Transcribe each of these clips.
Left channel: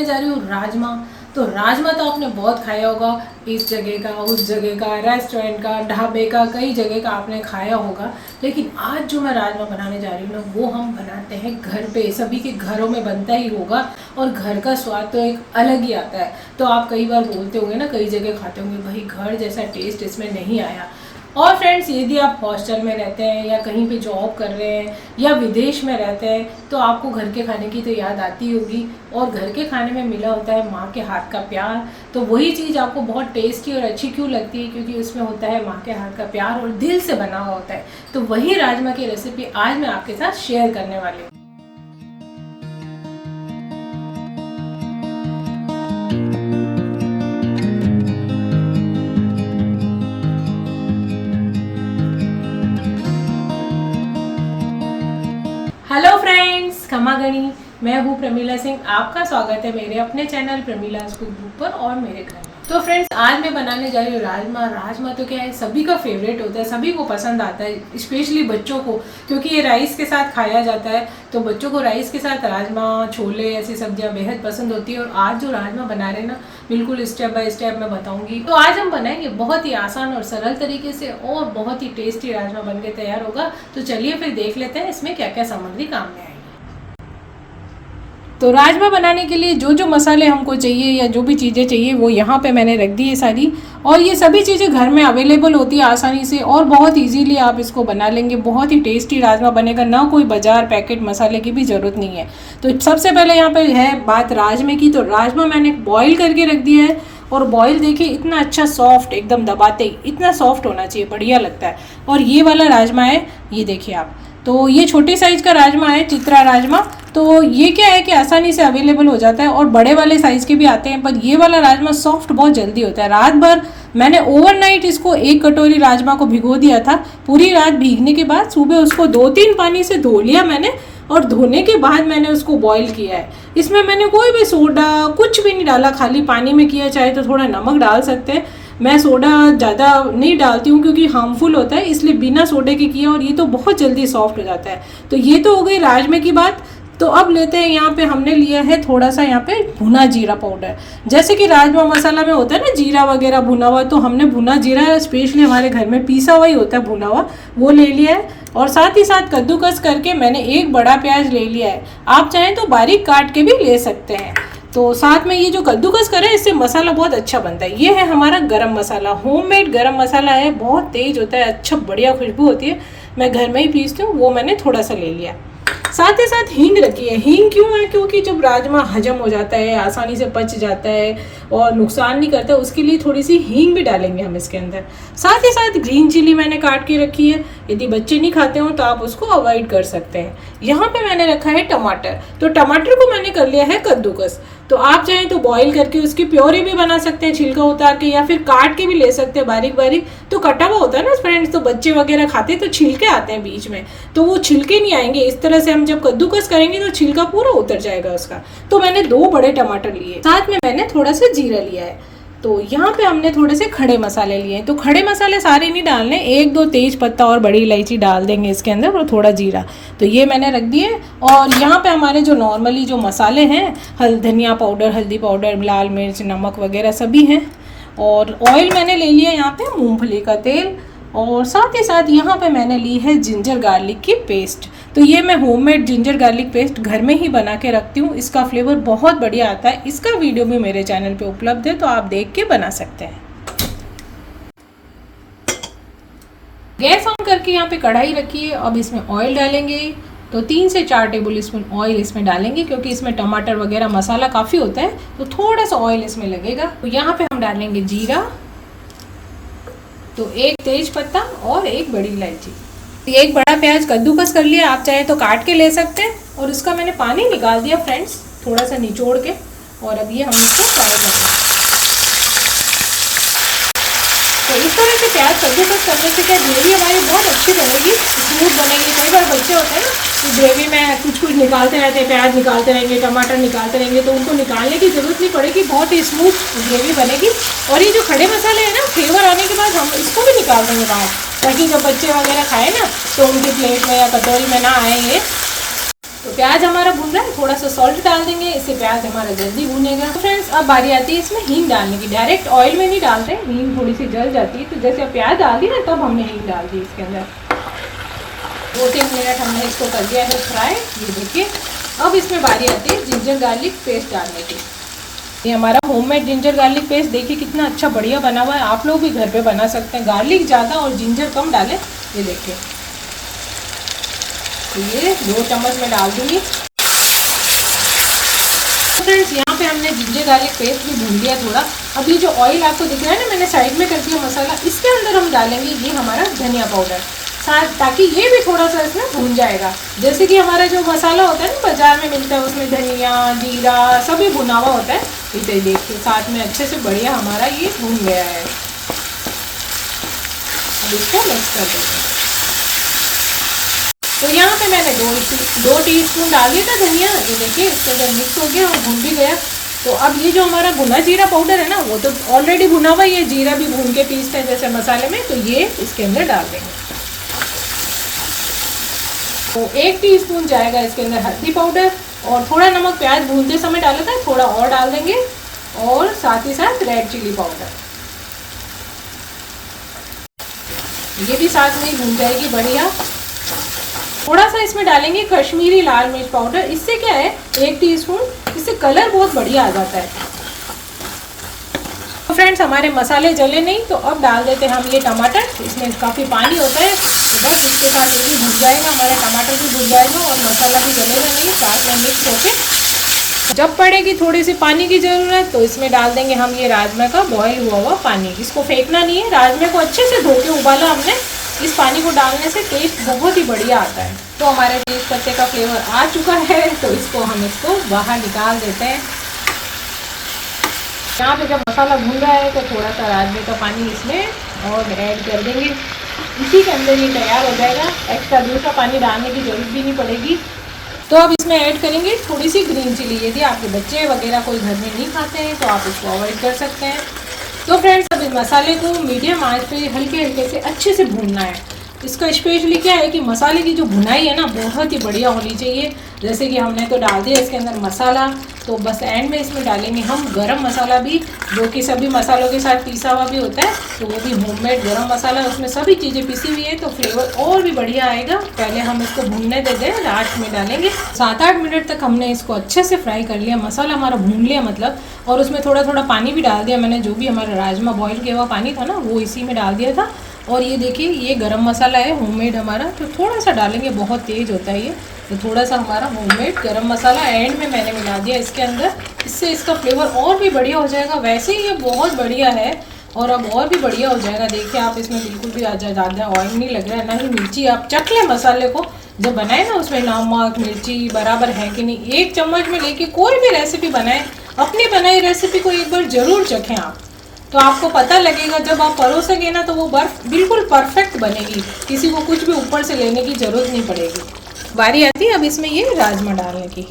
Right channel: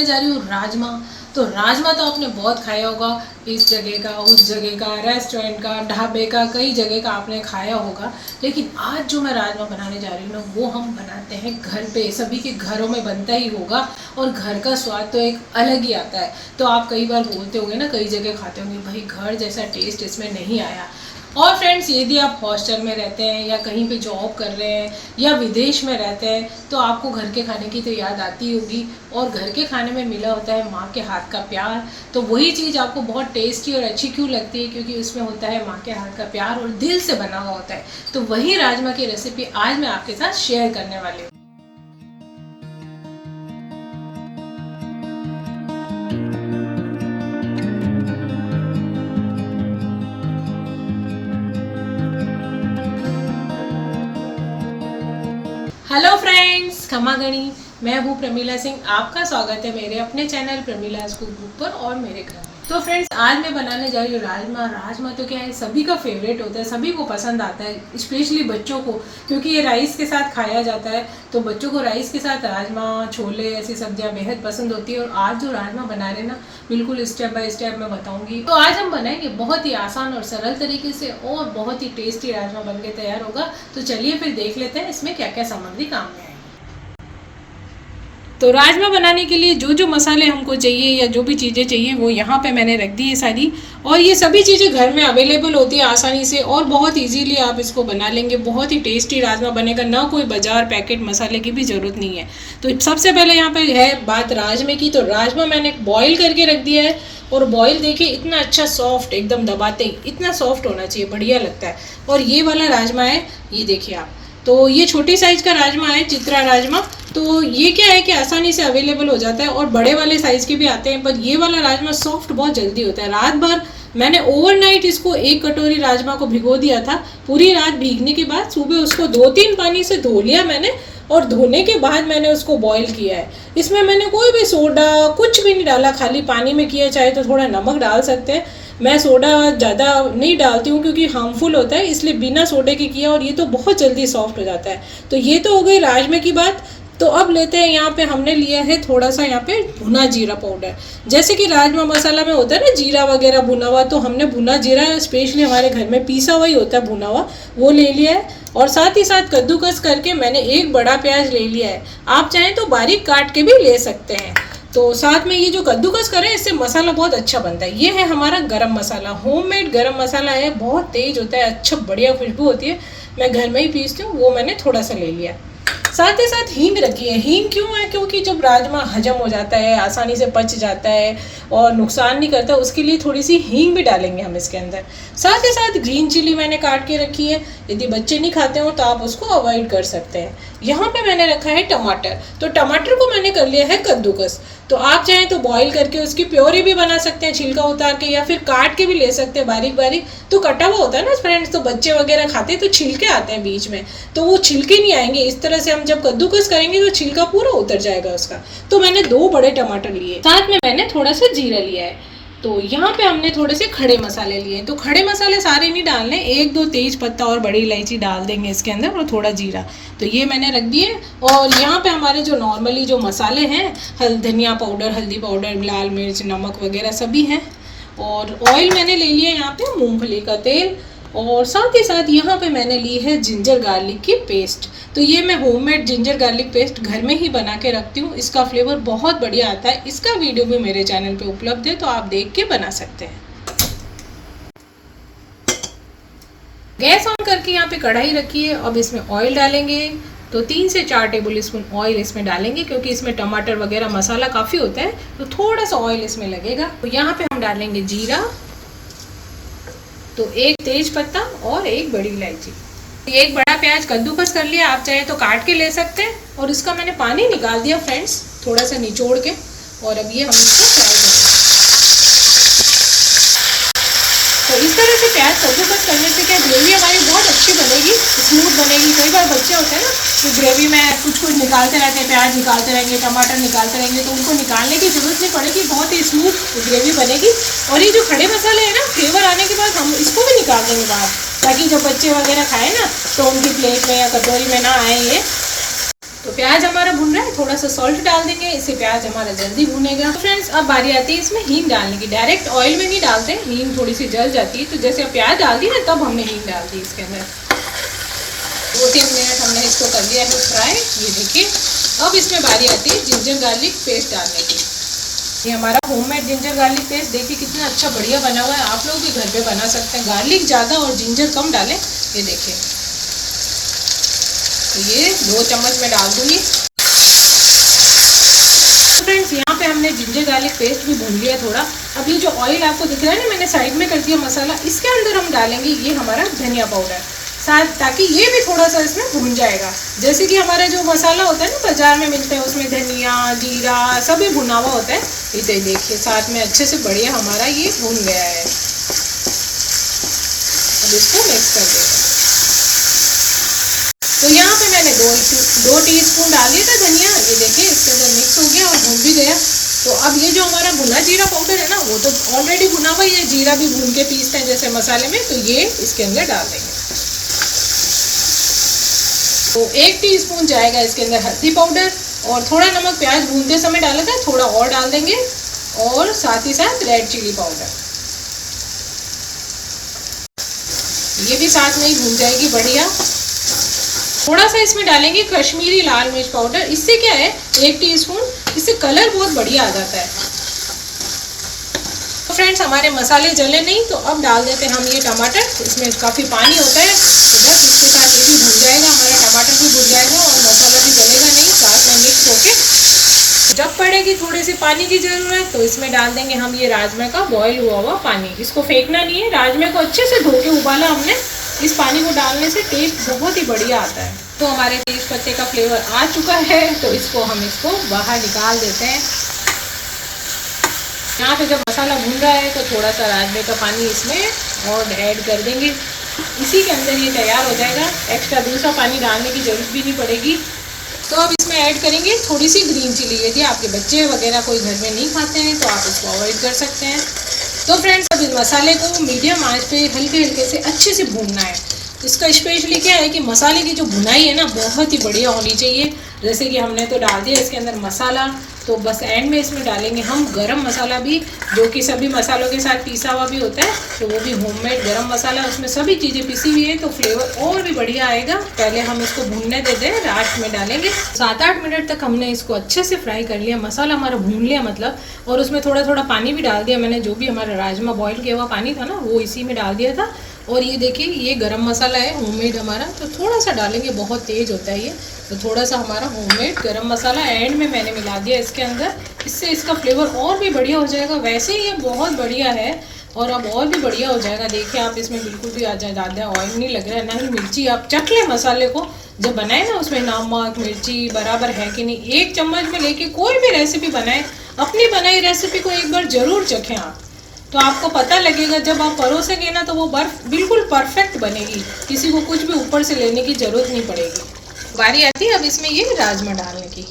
बनाने जा रही हूँ राजमा। तो राजमा तो आपने बहुत खाया होगा, इस जगह का, उस जगह का, रेस्टोरेंट का, ढाबे का, कई जगह का आपने खाया होगा। लेकिन आज जो मैं राजमा बनाने जा रही हूँ ना, वो हम बनाते हैं घर पे। सभी के घरों में बनता ही होगा और घर का स्वाद तो एक अलग ही आता है। तो आप कई बार बोलते होंगे ना, कई जगह खाते होंगे, भाई घर जैसा टेस्ट इसमें नहीं आया। और फ्रेंड्स, यदि आप हॉस्टल में रहते हैं या कहीं पे जॉब कर रहे हैं या विदेश में रहते हैं, तो आपको घर के खाने की तो याद आती होगी। और घर के खाने में मिला होता है माँ के हाथ का प्यार। तो वही चीज़ आपको बहुत टेस्टी और अच्छी क्यों लगती है? क्योंकि उसमें होता है माँ के हाथ का प्यार और दिल से बना हुआ होता है। तो वही राजमा की रेसिपी आज मैं आपके साथ शेयर करने वाली हूँ। हेलो फ्रेंड्स, खमा गणी। मैं हूँ प्रमीला सिंह। आपका स्वागत है मेरे अपने चैनल प्रमीलाज कुक बुक पर और मेरे घर में। तो फ्रेंड्स, आज मैं बनाने जा रही हूँ राजमा। राजमा तो क्या है, सभी का फेवरेट होता है, सभी को पसंद आता है, स्पेशली बच्चों को, क्योंकि ये राइस के साथ खाया जाता है। तो बच्चों को राइस के साथ राजमा, छोले, ऐसी सब्जियाँ बेहद पसंद होती है। और आज जो राजमा बना रहे हैं ना, बिल्कुल स्टेप बाय स्टेप मैं बताऊंगी। तो आज हम बनाएंगे बहुत ही आसान और सरल तरीके से, और बहुत ही टेस्टी राजमा बन के तैयार होगा। तो चलिए फिर देख लेते हैं इसमें क्या क्या सामग्री काम में आएगी। तो राजमा बनाने के लिए जो जो मसाले हमको चाहिए या जो भी चीज़ें चाहिए वो यहाँ पे मैंने रख दी है सारी। और ये सभी चीज़ें घर में अवेलेबल होती है आसानी से, और बहुत इजीली आप इसको बना लेंगे। बहुत ही टेस्टी राजमा बनेगा, ना कोई बाजार पैकेट मसाले की भी ज़रूरत नहीं है। तो सबसे पहले यहाँ पर है बात राजमे की। तो राजमा मैंने बॉयल करके रख दिया है, और बॉयल देखिए इतना अच्छा सॉफ्ट, एकदम दबाते ही इतना सॉफ्ट होना चाहिए, बढ़िया लगता है। और ये वाला राजमा है, ये देखिए आप। तो ये छोटी साइज़ का राजमा है, चित्रा राजमा। तो ये क्या है कि आसानी से अवेलेबल हो जाता है, और बड़े वाले साइज़ के भी आते हैं। पर ये वाला राजमा सॉफ्ट बहुत जल्दी होता है। रात भर मैंने ओवरनाइट इसको 1 कटोरी राजमा को भिगो दिया था। पूरी रात भीगने के बाद सुबह उसको 2-3 पानी से धो लिया मैंने, और धोने के बाद मैंने उसको बॉईल किया है। इसमें मैंने कोई भी सोडा कुछ भी नहीं डाला, खाली पानी में किया। चाहे तो थोड़ा नमक डाल सकते हैं, मैं सोडा ज़्यादा नहीं डालती हूँ क्योंकि हार्मफुल होता है, इसलिए बिना सोडे के किया। और ये तो बहुत जल्दी सॉफ्ट हो जाता है। तो ये तो हो गई राजमे की बात। तो अब लेते हैं, यहाँ पे हमने लिया है थोड़ा सा यहाँ पे भुना जीरा पाउडर। जैसे कि राजमा मसाला में होता है ना जीरा वगैरह भुना हुआ, तो हमने भुना जीरा स्पेशली हमारे घर में पीसा हुआ ही होता है, भुना हुआ, वो ले लिया है। और साथ ही साथ कद्दूकस करके मैंने 1 बड़ा प्याज ले लिया है। आप चाहें तो बारीक काट के भी ले सकते हैं। तो साथ में ये जो कद्दूकस करें, इससे मसाला बहुत अच्छा बनता है। ये है हमारा गरम मसाला, होममेड गरम मसाला है, बहुत तेज होता है, अच्छा बढ़िया खुशबू होती है। मैं घर में ही पीसती हूँ, वो मैंने थोड़ा सा ले लिया। साथ ही साथ हींग रखी है। हींग क्यों है? क्योंकि जब राजमा हजम हो जाता है, आसानी से पच जाता है और नुकसान नहीं करता, उसके लिए थोड़ी सी हींग भी डालेंगे हम इसके अंदर। साथ ही साथ ग्रीन चिली मैंने काट के रखी है। यदि बच्चे नहीं खाते हो तो आप उसको अवॉइड कर सकते हैं। यहाँ पे मैंने रखा है टमाटर। तो टमाटर को मैंने कर लिया है कद्दूकस। तो आप चाहें तो बॉईल करके उसकी प्योरी भी बना सकते हैं, छिलका उतार के, या फिर काट के भी ले सकते हैं बारीक बारीक। तो कटा हुआ होता है ना फ्रेंड्स, तो बच्चे वगैरह खाते हैं तो छिलके आते हैं बीच में, तो वो छिलके नहीं आएंगे। इस तरह से हम जब कद्दूकस करेंगे तो छिलका पूरा उतर जाएगा उसका। तो मैंने 2 बड़े टमाटर लिए, साथ में मैंने थोड़ा सा जीरा लिया है। तो यहाँ पे हमने थोड़े से खड़े मसाले लिए हैं। तो खड़े मसाले सारे नहीं डालने, 1-2 तेज पत्ता और बड़ी इलायची डाल देंगे इसके अंदर, और थोड़ा जीरा। तो ये मैंने रख दिए। और यहाँ पे हमारे जो नॉर्मली जो मसाले हैं, धनिया पाउडर, हल्दी पाउडर, लाल मिर्च, नमक वगैरह सभी हैं। और ऑयल मैंने ले लिया यहाँ पे मूंगफली का तेल। और साथ ही साथ यहाँ पे मैंने ली है जिंजर गार्लिक की पेस्ट। तो ये मैं होममेड जिंजर गार्लिक पेस्ट घर में ही बना के रखती हूँ। इसका फ्लेवर बहुत बढ़िया आता है। इसका वीडियो भी मेरे चैनल पे उपलब्ध है, तो आप देख के बना सकते हैं। गैस ऑन करके यहाँ पे कढ़ाई रखी है। अब इसमें ऑयल डालेंगे। तो 3 से 4 टेबल स्पून ऑयल इसमें डालेंगे, क्योंकि इसमें टमाटर वगैरह मसाला काफ़ी होता है, तो थोड़ा सा ऑयल इसमें लगेगा। तो यहाँ पे हम डालेंगे जीरा, तो 1 तेज पत्ता और 1 बड़ी इलायची। 1 बड़ा प्याज कद्दूकस कर लिया, आप चाहे तो काट के ले सकते हैं। और इसका मैंने पानी निकाल दिया फ्रेंड्स, थोड़ा सा निचोड़ के। और अब ये हम इसको फ्राई करेंगे। तो इस तरह से प्याज कद्दूकस करने से क्या ग्रेवी हमारी बहुत अच्छी बनेगी, स्मूथ बनेगी। कई बार बच्चे होते हैं ना, तो ग्रेवी में कुछ कुछ निकालते रहते हैं, प्याज निकालते रहेंगे, टमाटर निकालते रहेंगे, तो उनको निकालने की ज़रूरत नहीं पड़ेगी, बहुत ही स्मूथ ग्रेवी बनेगी। और ये जो खड़े मसाले हैं ना, फ्लेवर आने के बाद हम इसको भी निकाल देंगे बाहर, ताकि जब बच्चे वगैरह खाएँ ना, तो उनकी प्लेट में या कटोरी में ना आए ये। तो प्याज हमारा भून रहा है, थोड़ा सा सॉल्ट डाल देंगे, इससे प्याज हमारा जल्दी भूनेगा। तो फ्रेंड्स अब बारी आती है इसमें हींग डालने की। डायरेक्ट ऑयल में नहीं डालते, हींग थोड़ी सी जल जाती है। तो जैसे प्याज डाल दी ना तब हमने हींग डाल दी इसके अंदर। 2-3 मिनट हमने इसको कर दिया है फ्राई। ये देखिए अब इसमें बारी आती है जिंजर गार्लिक पेस्ट डालने की। ये हमारा होममेड जिंजर गार्लिक पेस्ट देखिए कितना अच्छा बढ़िया बना हुआ है। आप लोग भी घर पे बना सकते हैं। गार्लिक ज़्यादा और जिंजर कम डालें। ये देखिए तो ये 2 चम्मच में डाल दूंगी। फ्रेंड्स यहाँ पे हमने जिंजर गार्लिक पेस्ट भी भून लिया थोड़ा। अब ये जो ऑयल आपको दिख रहा है ना, मैंने साइड में कर दिया मसाला, इसके अंदर हम डालेंगे ये हमारा धनिया पाउडर साथ, ताकि ये भी थोड़ा सा इसमें भून जाएगा। जैसे कि हमारा जो मसाला होता है ना बाजार में मिलता है, उसमें धनिया जीरा सभी भुना हुआ होता है। इसे देखिए साथ में अच्छे से बढ़िया हमारा ये भून गया है। अब इसको मिक्स कर देंगे। तो यहाँ पे मैंने 2 टीस्पून डाल दिया था धनिया। ये देखिए इसके अंदर मिक्स हो गया और भून भी गया। तो अब ये जो हमारा भुना जीरा पाउडर है ना, वो तो ऑलरेडी भुना हुआ, ये जीरा भी भून के पीसते हैं जैसे मसाले में, तो ये इसके अंदर डाल देंगे। तो 1 टीस्पून जाएगा इसके अंदर हल्दी पाउडर, और थोड़ा नमक प्याज भूनते समय डाला था, थोड़ा और डाल देंगे, और साथ ही साथ रेड चिली पाउडर, ये भी साथ में ही भून जाएगी बढ़िया। थोड़ा सा इसमें डालेंगे कश्मीरी लाल मिर्च पाउडर। इससे क्या है 1 टीस्पून, इससे कलर बहुत बढ़िया आ जाता है। तो फ्रेंड्स हमारे मसाले जले नहीं, तो अब डाल देते हैं हम ये टमाटर। इसमें काफ़ी पानी होता है, तो बस इसके साथ ये भी भून जाएगा, हमारा टमाटर भी भून जाएगा और मसाला भी जलेगा नहीं, साथ में मिक्स होके। जब पड़ेगी थोड़ी सी पानी की ज़रूरत, तो इसमें डाल देंगे हम ये राजमा का बॉयल हुआ पानी। इसको फेंकना नहीं है, राजमे को अच्छे से धो के उबाला हमने। इस पानी को डालने से टेस्ट बहुत ही बढ़िया आता है। तो हमारे तेज पत्ते का फ्लेवर आ चुका है, तो हम इसको बाहर निकाल देते हैं। यहाँ पे जब मसाला भून रहा है तो थोड़ा सा राजमे का पानी इसमें और ऐड कर देंगे। इसी के अंदर ये तैयार हो जाएगा, एक्स्ट्रा दूसरा पानी डालने की जरूरत भी नहीं पड़ेगी। तो अब इसमें ऐड करेंगे थोड़ी सी ग्रीन चिली। यदि आपके बच्चे वगैरह कोई घर में नहीं खाते हैं तो आप इसको अवॉइड कर सकते हैं। तो फ्रेंड्स अब इस मसाले को मीडियम आंच पे हल्के हल्के से अच्छे से भूनना है। इसका स्पेशली क्या है कि मसाले की जो भुनाई है ना बहुत ही बढ़िया होनी चाहिए। जैसे कि हमने तो डाल दिया इसके अंदर मसाला, तो बस एंड में इसमें डालेंगे हम गरम मसाला भी, जो कि सभी मसालों के साथ पिसा हुआ भी होता है। तो वो भी होममेड गरम मसाला, उसमें सभी चीज़ें पिसी हुई है, तो फ्लेवर और भी बढ़िया आएगा। पहले हम इसको भूनने देते हैं, लास्ट में डालेंगे। 7-8 मिनट तक हमने इसको अच्छे से फ्राई कर लिया, मसाला हमारा भून लिया मतलब, और उसमें थोड़ा थोड़ा पानी भी डाल दिया मैंने। जो भी हमारा राजमा बॉयल किया हुआ पानी था ना, वो इसी में डाल दिया था। और ये देखिए ये गरम मसाला है होममेड हमारा, तो थोड़ा सा डालेंगे, बहुत तेज़ होता है ये, तो थोड़ा सा हमारा होममेड गरम मसाला एंड में मैंने मिला दिया इसके अंदर। इससे इसका फ्लेवर और भी बढ़िया हो जाएगा। वैसे ही ये बहुत बढ़िया है और अब और भी बढ़िया हो जाएगा। देखिए आप इसमें बिल्कुल भी ज़्यादा ऑयल नहीं लग रहा है, ना ही मिर्ची। आप चख लें मसाले को, जब बनाए ना उसमें नमक मिर्ची बराबर है कि नहीं। 1 चम्मच में लेके कोई भी रेसिपी बनाएं, अपनी बनाई रेसिपी को एक बार ज़रूर चखें आप, तो आपको पता लगेगा जब आप परोसेंगे ना, तो वो बर्फ बिल्कुल परफेक्ट बनेगी। किसी को कुछ भी ऊपर से लेने की ज़रूरत नहीं पड़ेगी। बारी आती है अब इसमें ये राजमा डालने की।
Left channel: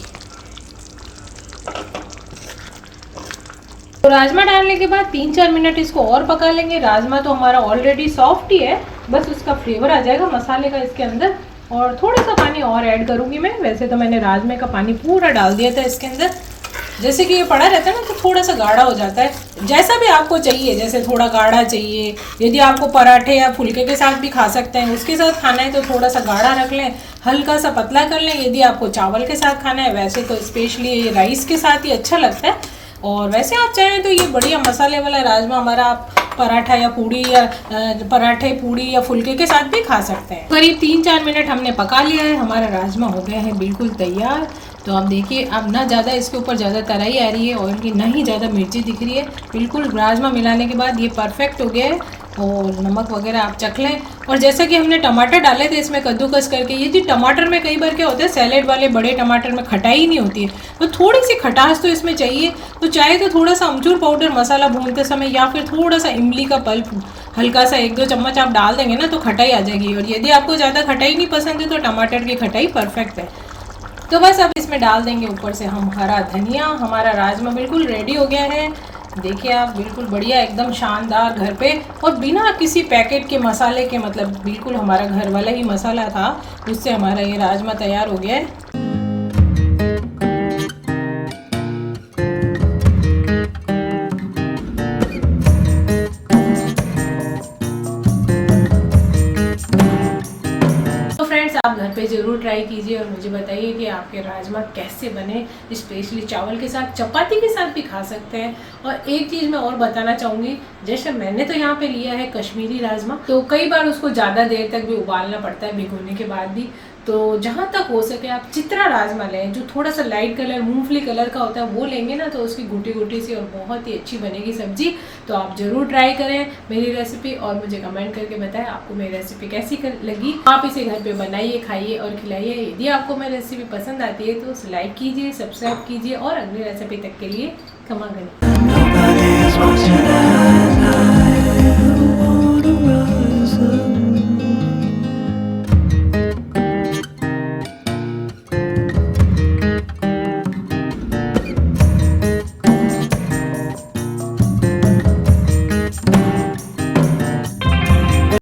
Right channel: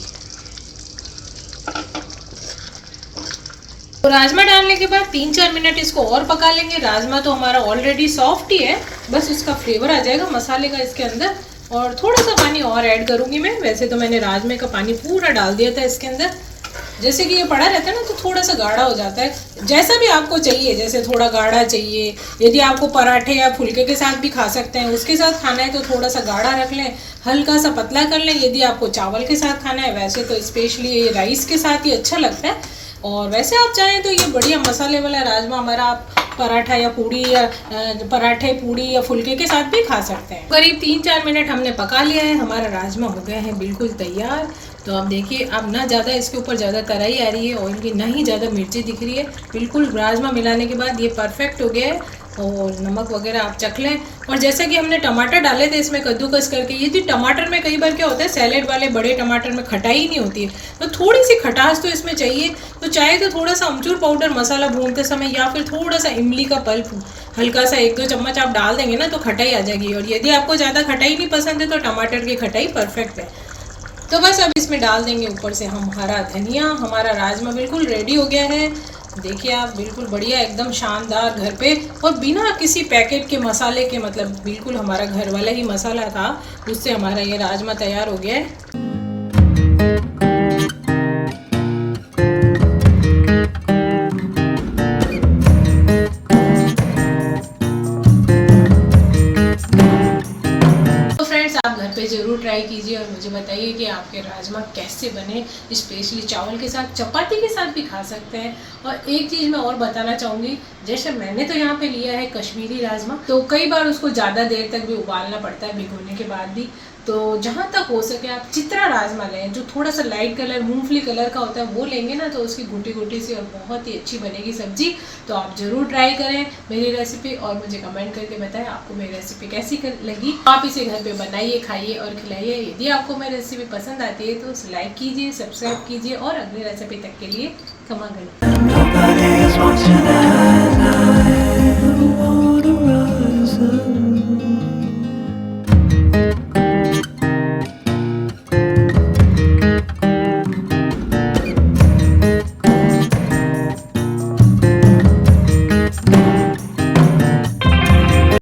तो राजमा डालने के बाद 3-4 मिनट इसको और पका लेंगे। राजमा तो हमारा ऑलरेडी सॉफ्ट ही है, बस उसका फ्लेवर आ जाएगा मसाले का इसके अंदर। और थोड़ा सा पानी और ऐड करूँगी मैं। वैसे तो मैंने राजमे का पानी पूरा डाल दिया था इसके अंदर। जैसे कि ये पड़ा रहता है ना, तो थोड़ा सा गाढ़ा हो जाता है। जैसा भी आपको चाहिए, जैसे थोड़ा गाढ़ा चाहिए, यदि आपको पराठे या फुलके के साथ भी खा सकते हैं, उसके साथ खाना है तो थोड़ा सा गाढ़ा रख लें, हल्का सा पतला कर लें। यदि आपको चावल के साथ खाना है, वैसे तो स्पेशली ये राइस के साथ ही अच्छा लगता है। और वैसे आप चाहें तो ये बढ़िया मसाले वाला राजमा हमारा आप पराठा या पूड़ी या पराठे पूड़ी या फुलके के साथ भी खा सकते हैं। करीब 3-4 मिनट हमने पका लिया है, हमारा राजमा हो गए हैं बिल्कुल तैयार। तो आप देखिए अब ना ज़्यादा इसके ऊपर ज़्यादा तराई आ रही है ऑयल की, ना ही ज़्यादा मिर्ची दिख रही है। बिल्कुल राजमा मिलाने के बाद ये परफेक्ट हो गया है। और नमक वगैरह आप चख लें। और जैसा कि हमने टमाटर डाले थे इसमें कद्दूकस करके, ये टमाटर में कई बार क्या होता है, सैलेड वाले बड़े टमाटर में खटाई नहीं होती है, तो थोड़ी सी खटास तो इसमें चाहिए। तो चाहे तो थोड़ा सा अमचूर पाउडर मसाला भूनते समय, या फिर थोड़ा सा इमली का पल्प हल्का सा 1-2 चम्मच आप डाल देंगे ना, तो खटाई आ जाएगी। और यदि आपको ज़्यादा खटाई नहीं पसंद है तो टमाटर की खटाई परफेक्ट है। तो बस अब इसमें डाल देंगे ऊपर से हम हरा धनिया। हमारा राजमा बिल्कुल रेडी हो गया है। देखिए आप बिल्कुल बढ़िया एकदम शानदार घर पे, और बिना किसी पैकेट के मसाले के, मतलब बिल्कुल हमारा घर वाला ही मसाला था, उससे हमारा ये राजमा तैयार हो गया है। आपके राजमा कैसे बने, स्पेशली चावल के साथ, चपाती के साथ भी खा सकते हैं। और एक चीज़ मैं और बताना चाहूँगी, जैसे मैंने तो यहाँ पे लिया है कश्मीरी राजमा, तो कई बार उसको ज़्यादा देर तक भी उबालना पड़ता है भिगोने के बाद भी। तो जहाँ तक हो सके आप चित्रा राजमा लें, जो थोड़ा सा लाइट कलर मूंगफली कलर का होता है, वो लेंगे ना तो उसकी घुटी घुटी सी और बहुत ही अच्छी बनेगी सब्जी। तो आप ज़रूर ट्राई करें मेरी रेसिपी और मुझे कमेंट करके बताएं आपको मेरी रेसिपी कैसी लगी। आप इसे घर पे बनाइए, खाइए और खिलाइए। यदि आपको मेरी रेसिपी पसंद आती है तो उसे लाइक कीजिए, सब्सक्राइब कीजिए और अगली रेसिपी तक के लिए क्षमा करें।